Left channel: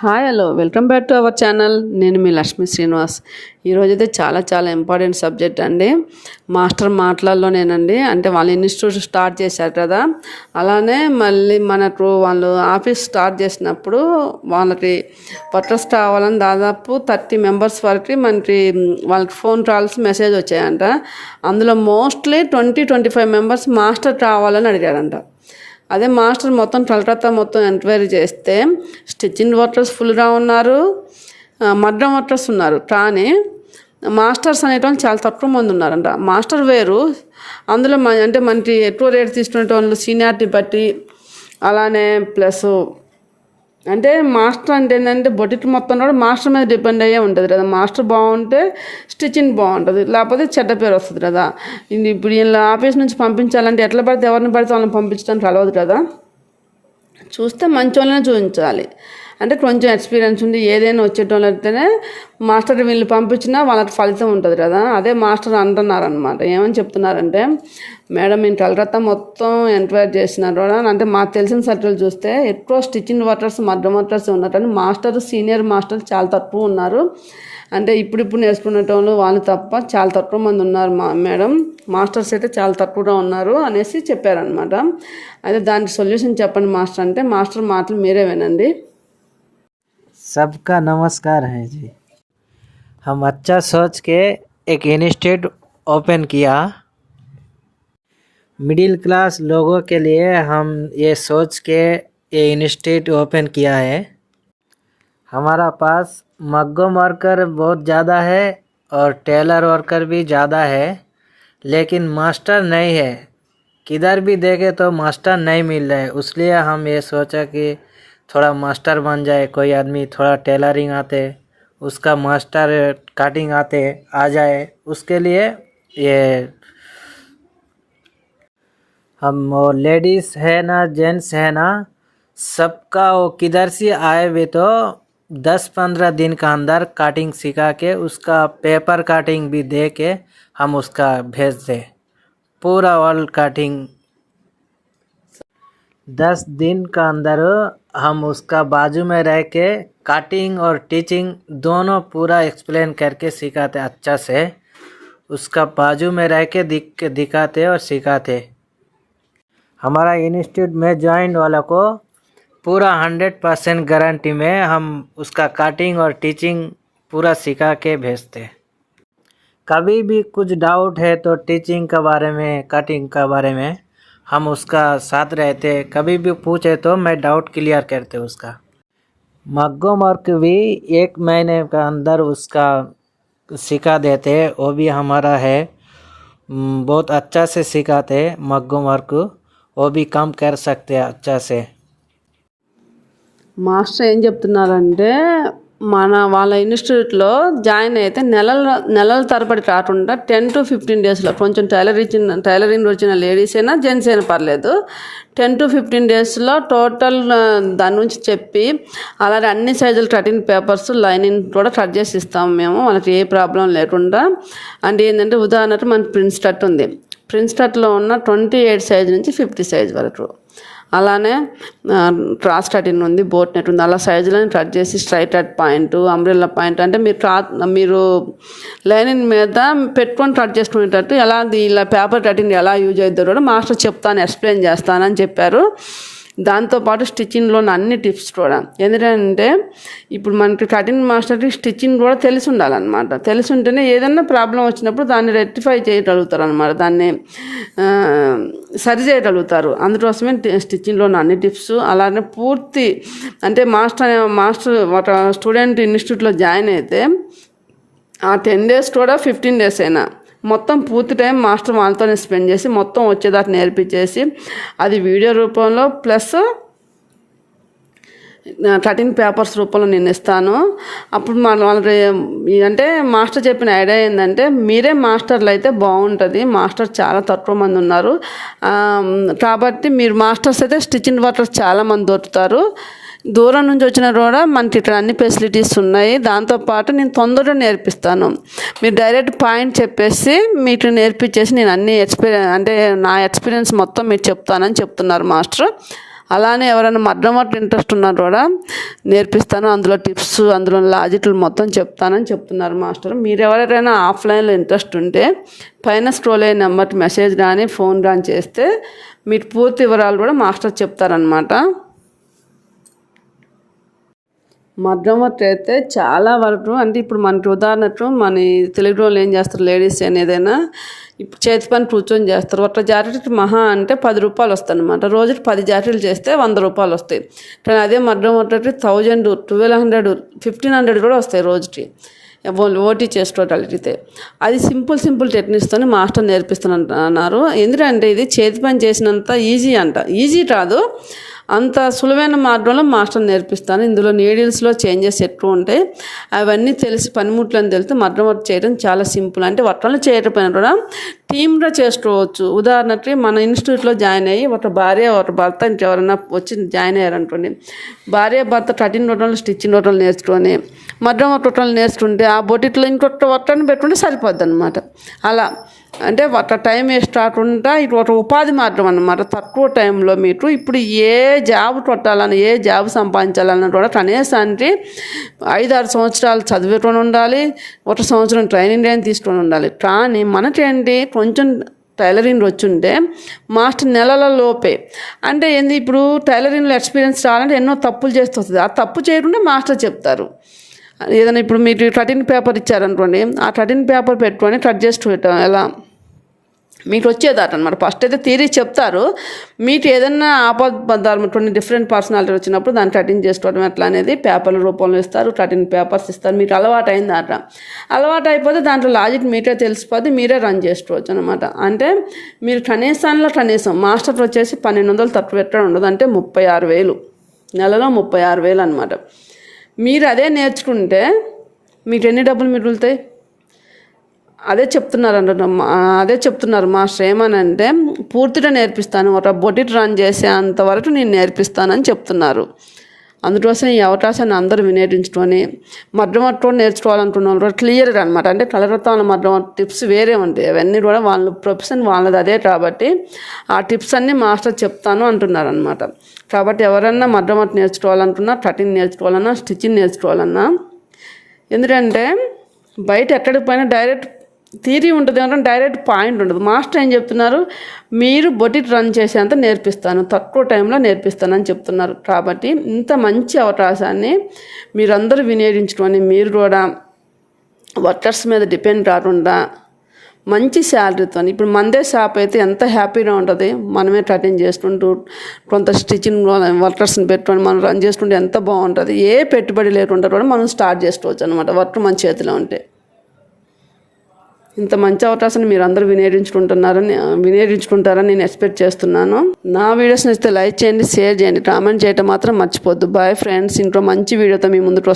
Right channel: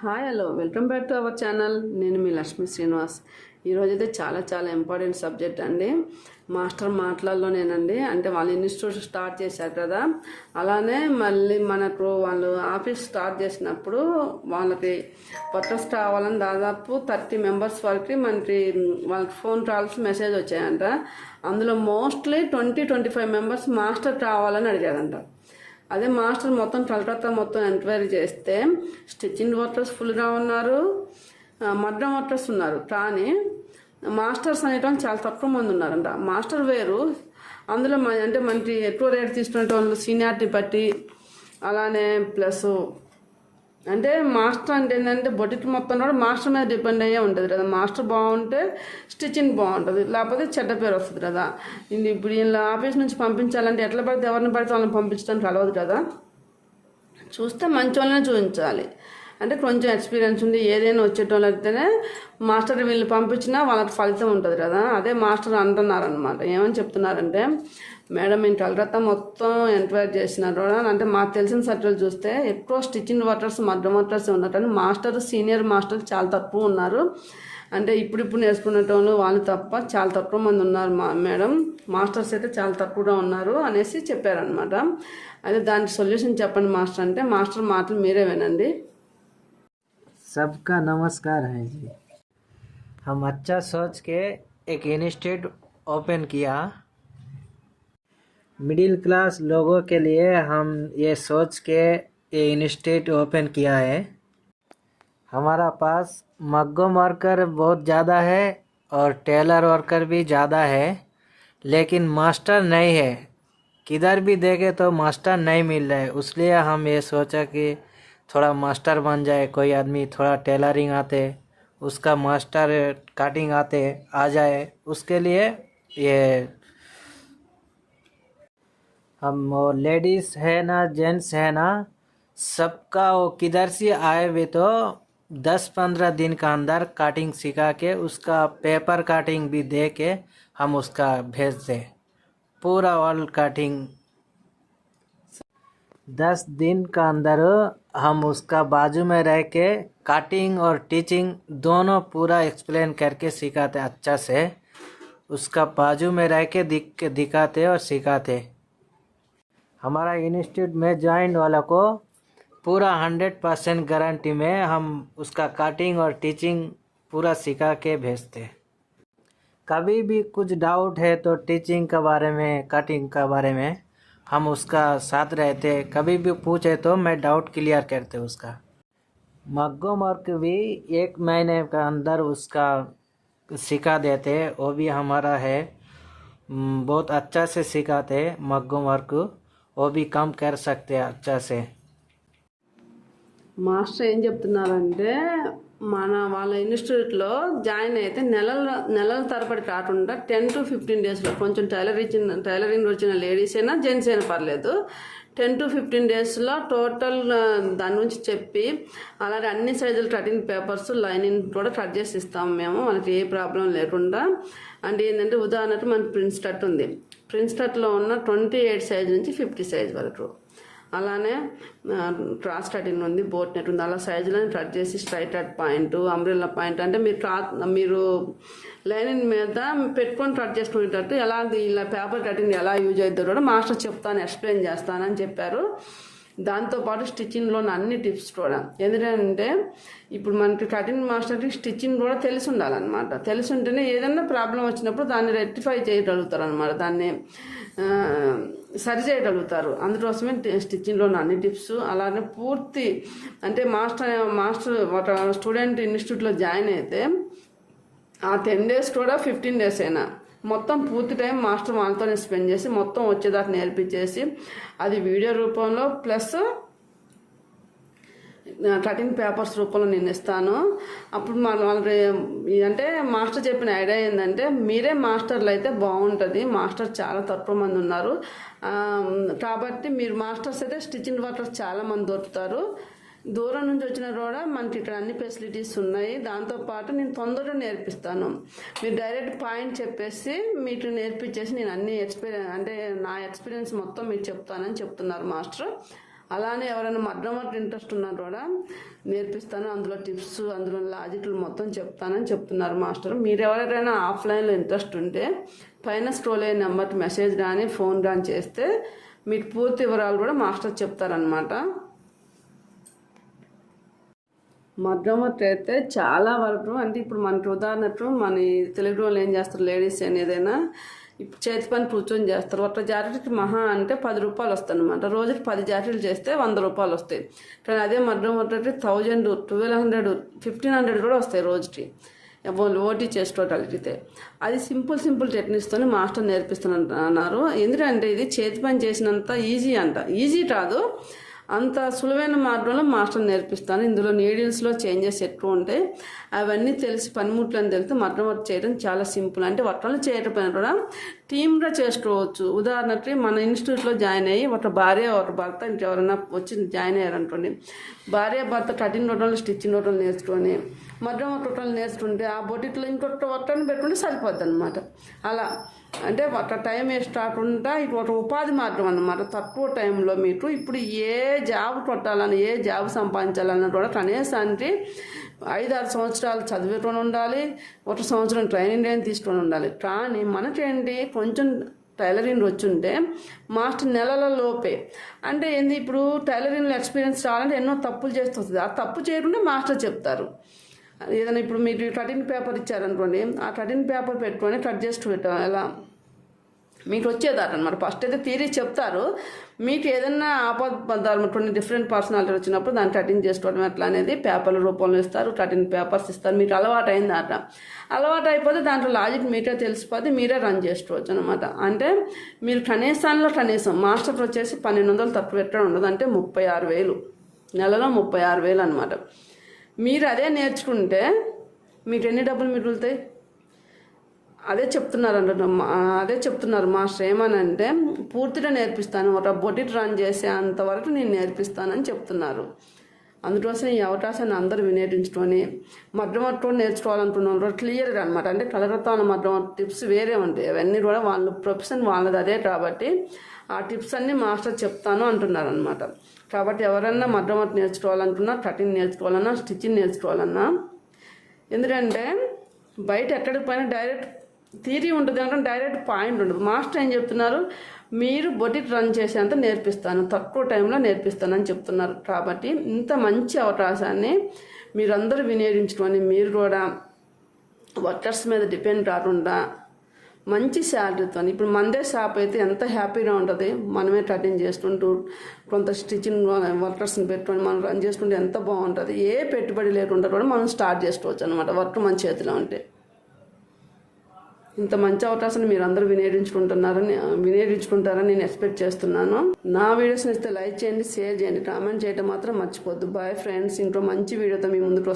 Hi hello welcome back to our channel నేను మీ లక్ష్మి శ్రీనివాస్. ఈరోజు అయితే చాలా చాలా ఇంపార్టెంట్ సబ్జెక్ట్ అండి. మాస్టర్ మాటలలోనేనండి అంటే వాళ్ళ ఇన్స్టిట్యూట్ స్టార్ట్ చేశారు కదా. అలానే మళ్ళీ మనకు వాళ్ళు ఆఫీస్ స్టార్ట్ చేసినప్పుడు వాళ్ళకి పట్రస్ కావాలని దాదాపు థర్టీ మెంబర్స్ వరకు మనకి వాళ్ళకి ఫోన్ కాల్స్ మెసేజ్ వచ్చాయంట. అందులో mostly twenty twenty five members master కావాలని అడిగారంట అదే మాస్టర్ మొత్తం కలకత్తా మొత్తం ఎంక్వైరీ చేస్తే స్టిచ్చింగ్ వర్కర్స్ ఫుల్గా ఉన్నారు మడ్డం వర్కర్స్ ఉన్నారు. కానీ మాస్టర్స్ అనేటోళ్ళు చాలా తక్కువ మంది ఉన్నారంట. మాస్టర్ వేరు. అందులో మన అంటే మనకి ఎక్కువ రేట్ తీసుకునే వాళ్ళు సీనియారిటీ బట్టి అలానే ప్లస్ అంటే మాస్టర్ అంటే ఏంటంటే బొటిక్ మొత్తం కూడా మాస్టర్ మీద డిపెండ్ అయ్యే ఉంటుంది కదా. మాస్టర్ బాగుంటే స్టిచ్చింగ్ బాగుంటుంది. లేకపోతే చెడ్డ పేరు వస్తుంది కదా. ఇది ఇప్పుడు వీళ్ళ ఆఫీస్ నుంచి పంపించాలంటే ఎట్లా పడితే ఎవరిని పడితే వాళ్ళని పంపించడానికి కలవదు కదా. చూస్తే మంచి వాళ్ళనే చూపించాలి. అంటే కొంచెం ఎక్స్పీరియన్స్ ఉండి ఏదైనా వచ్చేటోళ్ళు అయితేనే మాస్టర్ వీళ్ళు పంపించినా వాళ్ళకి ఫలితం ఉంటుంది కదా. అదే మాస్టర్ అంటున్నారనమాట ఏమని చెప్తున్నారంటే మేడం నేను కలకత్తా మొత్తం ఎంక్వైరీ చేసినారు కూడా అంటే మాకు తెలిసిన సర్టిఫికేట్ చూస్తే ఎక్కువ స్టిచ్చింగ్ వర్కర్స్ మధ్య వర్కర్స్ ఉన్నారు కానీ మాస్టర్ సీనియర్ మాస్టర్ చాలా తక్కువ ఉన్నారు. అంటే ఇప్పుడిప్పుడు నేర్చుకునేటోళ్ళు వాళ్ళు తప్ప చాలా తక్కువ మంది ఉన్నారు మా మేడం. మాస్టర్స్ అయితే చాలా తక్కువగా ఉన్నారు అనేసి చెప్పారనమాట అదే దానికి సొల్యూషన్ చెప్పండి మాస్టర్ అంటే మాస్టర్ మాటలు మీరే వినండి. सबका नमस्कार है जी। हम अच्छा सोच के एक इंस्टीट्यूट ओपन किया। मिडिल क्लास लोगों के लिए हम ये सोच के ये इंस्टीट्यूट ओपन किया है। हमारा पास मग्गम वर्कर बहुत ज़्यादा है और टेलर वर्कर भी ज़्यादा है, लेकिन मास्टर नहीं है। किधर भी देखे तो मास्टर नहीं मिल रहा है इसलिए हम ये सोचा कि थोड़ा मास्टर बन जाए, कोई आदमी थोड़ा टेलरिंग आते, उसका मास्टर काटिंग आते, आ जाए, उसके लिए ये हम लेडीज़ है ना, जेंट्स है ना, सबका वो किधर से आए हुए तो दस पंद्रह दिन का अंदर काटिंग सिखा के, उसका पेपर काटिंग भी दे के हम उसका भेज दें। पूरा ऑल काटिंग। दस दिन का अंदर हम उसका बाजू में रह के काटिंग और टीचिंग दोनों पूरा एक्सप्लेन करके सिखाते अच्छा से। उसका बाजू में रह के दिख, दिखाते और सिखाते। हमारा इंस्टीट्यूट में ज्वाइन वाला को पूरा हंड्रेड परसेंट गारंटी में हम उसका काटिंग और टीचिंग पूरा सिखा के भेजते। कभी भी कुछ डाउट है तो टीचिंग के बारे में कटिंग के बारे में हम उसका साथ रहते कभी भी पूछे तो मैं डाउट क्लियर करते उसका मग्गो वर्क भी एक महीने का अंदर उसका सिखा देते वो भी हमारा है हम्म, बहुत अच्छा से सिखाते मग्गो वर्क वो भी कम कर सकते हैं अच्छा से మాస్టర్ ఏం చెప్తున్నారంటే మన వాళ్ళ ఇన్స్టిట్యూట్లో జాయిన్ అయితే నెలల నెలల తరబడి కాకుండా టెన్ టు ఫిఫ్టీన్ డేస్లో కొంచెం టైలర్ ఇచ్చిన టైలరింగ్ వచ్చిన లేడీస్ అయినా జెంట్స్ అయినా పర్లేదు. టెన్ టు ఫిఫ్టీన్ డేస్లో టోటల్ దాని నుంచి చెప్పి అలాగే అన్ని సైజులు కటింగ్ పేపర్స్ లైనింగ్ కూడా కట్ చేసి ఇస్తాము మేము. వాళ్ళకి ఏ ప్రాబ్లం లేకుండా. అంటే ఏంటంటే ఉదాహరణకు మన ప్రిన్స్ కట్ ఉంది. ప్రిన్స్ కట్లో ఉన్న ట్వంటీ ఎయిట్ సైజ్ నుంచి ఫిఫ్టీ సైజ్ వరకు. అలానే క్రాస్ కటింగ్ ఉంది బోట్ నెట్ ఉంది. అలా సైజులను కట్ చేసి straight cut point umbrella point అంటే మీరు క్రా మీరు లైనింగ్ మీద పెట్టుకొని కట్ చేసుకునేటట్టు ఎలా ఇలా పేపర్ కటింగ్ ఎలా యూజ్ అవుతుందో కూడా మాస్టర్ చెప్తాను ఎక్స్ప్లెయిన్ చేస్తానని చెప్పారు. దాంతోపాటు స్టిచ్చింగ్లో అన్ని టిప్స్ కూడా. ఎందుకంటే ఇప్పుడు మనకి కటింగ్ మాస్టర్కి స్టిచ్చింగ్ కూడా తెలిసి ఉండాలన్నమాట. తెలిసి ఉంటేనే ఏదైనా ప్రాబ్లం వచ్చినప్పుడు దాన్ని రెక్టిఫై చేయగలుగుతారు అనమాట దాన్ని సరి చేయగలుగుతారు. అందుకోసమే స్టిచ్చింగ్లో అన్ని టిప్స్ అలానే పూర్తి అంటే మాస్టర్ మాస్టర్ ఒక స్టూడెంట్ ఇన్స్టిట్యూట్లో జాయిన్ అయితే ఆ టెన్ డేస్ కూడా ఫిఫ్టీన్ డేస్ అయినా మొత్తం పూర్తి టైం మాస్టర్ వాళ్ళతోనే స్పెండ్ చేసి మొత్తం వచ్చేదాకా నేర్పించేసి అది వీడియో రూపంలో ప్లస్ కటింగ్ పేపర్స్ రూపంలో నేను ఇస్తాను. అప్పుడు మన వాళ్ళ అంటే మాస్టర్ చెప్పిన ఐడియా ఏంటంటే మీరే మాస్టర్లు అయితే బాగుంటుంది. మాస్టర్ చాలా తక్కువ మంది ఉన్నారు. కాబట్టి మీరు మాస్టర్స్ అయితే స్టిచింగ్ వర్కర్స్ చాలా మంది దొరుకుతారు. దూరం నుంచి వచ్చిన కూడా మనకి ఇక్కడ అన్ని ఫెసిలిటీస్ ఉన్నాయి. దాంతోపాటు నేను తొందరగా నేర్పిస్తాను. మీరు డైరెక్ట్ పాయింట్ చెప్పేసి మీకు నేర్పించేసి నేను అన్ని ఎక్స్పీరియన్స్ అంటే నా ఎక్స్పీరియన్స్ మొత్తం మీకు చెప్తానని చెప్తున్నారు మాస్టర్. అలానే ఎవరైనా మడ్రమట్ ఇంట్రెస్ట్ ఉన్నారు కూడా నేర్పిస్తాను. అందులో టిప్స్ అందులో లాజిక్లు మొత్తం చెప్తానని చెప్తున్నారు మాస్టర్. మీరు ఎవరైనా ఆఫ్లైన్లో ఇంట్రెస్ట్ ఉంటే పైన స్క్రోల్ అయ్యే నెంబర్కి మెసేజ్ కానీ ఫోన్ కానీ చేస్తే మీరు పూర్తి వివరాలు కూడా మాస్టర్ చెప్తారనమాట మగ్గం వర్క్ అయితే చాలా వరకు అంటే ఇప్పుడు మనకి ఉదాహరణకు మన తెలుగు వాళ్ళు ఏం చేస్తారు లేడీస్ అనేదైనా ఏదైనా ఇప్పుడు చేతి పని కూర్చొని చేస్తారు. ఒక జాకెట్కి మహా అంటే పది రూపాయలు వస్తాయి అనమాట రోజుకి పది జాకెట్లు చేస్తే వంద రూపాయలు వస్తాయి. కానీ అదే మగ్గం thousand twelve hundred fifteen hundred కూడా వస్తాయి రోజుకి. ఓటీ చేసుకోగలిగితే అది సింపుల్ సింపుల్ టెక్నిక్స్తోనే మాస్టర్ నేర్పిస్తున్నారు ఎందుకంటే ఇది చేతి పని చేసినంత ఈజీ అంట. ఈజీ కాదు. అంత సులువైన మార్గంలో మాస్టర్ నేర్పిస్తాను. ఇందులో నీడిల్స్లో చేంజెస్ ఎక్కువ ఉంటాయి అవన్నీ తెలిసి పనిముట్లను తెలిస్తే మగ్గం వర్క్ చేయడం చాలా సింపుల్. అంటే వర్కలు చేయకపోయినా కూడా టీమ్గా చేసుకోవచ్చు. ఉదాహరణకి మన ఇన్స్టిట్యూట్లో జాయిన్ అయ్యి ఒక భార్య ఒక భర్త ఇంకెవరైనా వచ్చి జాయిన్ అయ్యారనుకోండి. భార్య భర్త కటింగ్ రొట్టెలు స్టిచ్చింగ్ రొట్టెలు నేర్చుకొని మగ్గం వర్క్ రొట్టెలు నేర్చుకుంటే ఆ బొటిట్లో ఇంకొక వర్కని పెట్టుకుంటే సరిపోద్ది అనమాట అలా అంటే ఒక టైం వేస్ట్ కాకుండా ఇది ఒక ఉపాధి మార్గం అన్నమాట. తక్కువ టైంలో మీకు ఇప్పుడు ఏ జాబ్ కొట్టాలని ఏ జాబ్ సంపాదించాలన్నా కూడా కనీసానికి ఐదు ఆరు సంవత్సరాలు చదువుకొని ఉండాలి ఒక సంవత్సరం ట్రైనింగ్ అయినా తీసుకొని ఉండాలి. కానీ మనకేంటి? కొంచెం టైలరింగ్ వచ్చుంటే మాస్టర్ నెలల లోపే. అంటే ఏంది? ఇప్పుడు టైలరింగ్లో ఎక్స్పీరియన్స్ రావాలంటే ఎన్నో తప్పులు చేస్తూ వస్తుంది. ఆ తప్పు చేయకుండా మాస్టర్ చెప్తారు. ఏదైనా ఇప్పుడు మీరు కటింగ్ పేపర్ ఇచ్చారనుకోండి ఆ కటింగ్ పేపర్ పెట్టుకొని కట్ చేసి పెట్టాం ఎలా? మీకు వచ్చేదాట అనమాట ఫస్ట్ అయితే థియరీ చెప్తారు. మీకు ఏదైనా ఆపద్బంధాలు కొన్ని డిఫరెంట్ పర్సనాలిటీ వచ్చినప్పుడు దాన్ని కటింగ్ చేసుకోవడం ఎట్లా అనేది పేపర్ల రూపంలో ఇస్తారు. కటింగ్ పేపర్స్ ఇస్తారు. మీకు అలవాటు అయిందట అలవాటు అయిపోతే దాంట్లో లాజిక్ మీకే తెలిసిపోతే మీరే రన్ చేసుకోవచ్చు అనమాట అంటే మీరు కనీసంలో కనీసం మాస్టర్ వచ్చేసి పన్నెండు వందలు తక్కువ పెట్టడం ఉండదు. అంటే ముప్పై ఆరు వేలు. నెలలో ముప్పై ఆరు వేలు అనమాట మీరు అదే నేర్చుకుంటే మీకు ఎన్ని డబ్బులు మిగులుతాయి? అదే చెప్తున్నారు అంట అదే చెప్తున్నారు మాస్టర్ ఏమనంటే పూర్తిగా నేర్పిస్తాను. ఒక బొటిట్ రన్ చేసే అంతవరకు నేను నేర్పిస్తానని చెప్తున్నారు. అందుకోసం ఈ అవకాశాన్ని అందరూ వినియోగించుకొని మధ్యమట్టం నేర్చుకోవాలనుకున్న వాళ్ళు కూడా క్లియర్గా అనమాట అంటే కలరత్వాల మధ్య టిప్స్ వేరే ఉంటాయి అవన్నీ కూడా వాళ్ళ ప్రొఫెషన్ వాళ్ళది అదే కాబట్టి ఆ టిప్స్ అన్నీ మాస్టర్ చెప్తాను అంటున్నారు అనమాట కాబట్టి ఎవరన్నా మధ్యమట్ట నేర్చుకోవాలనుకున్నా కటింగ్ నేర్చుకోవాలన్నా స్టిచ్చింగ్ నేర్చుకోవాలన్నా ఎందుకంటే బయట ఎక్కడికి పోయినా డైరెక్ట్ థీరీ ఉంటుంది ఏమంటే డైరెక్ట్ పాయింట్ ఉండదు. మాస్టర్ ఏం చెప్తున్నారు? మీరు బొటిట్ రన్ చేసేంత నేర్పిస్తాను. తక్కువ టైంలో నేర్పిస్తానని చెప్తున్నారు. కాబట్టి ఇంత మంచి అవకాశాన్ని మీరందరూ వినియోగించుకొని మీరు కూడా వర్కర్స్ మీద డిపెండ్ కాకుండా మంచి శాలరీతో ఇప్పుడు మందే షాప్ అయితే ఎంత హ్యాపీగా ఉంటుంది? మనమే కటింగ్ చేసుకుంటూ కొంత స్టిచ్చింగ్ వర్కర్స్ని పెట్టుకొని మనం రన్ చేసుకుంటే ఎంత బాగుంటుంది? ఏ పెట్టుబడి లేకుండా కూడా మనం స్టార్ట్ చేసుకోవచ్చు అనమాట వర్క్ మన చేతిలో ఉంటే. ఇంత మంచి అవకాశాన్ని మీరు అందరూ వినియోగించుకుంటున్నారని వినియోగించుకుంటారని నేను ఎక్స్పెక్ట్ చేస్తున్నాను. నా వీడియోస్ నచ్చితే లైక్ చేయండి షేర్ చేయండి కామెంట్ చేయటం మాత్రం మర్చిపోద్దు బాయ్ ఫ్రెండ్స్ ఇంట్లో మంచి వీడియోతో మీ ముందుకు వస్తాను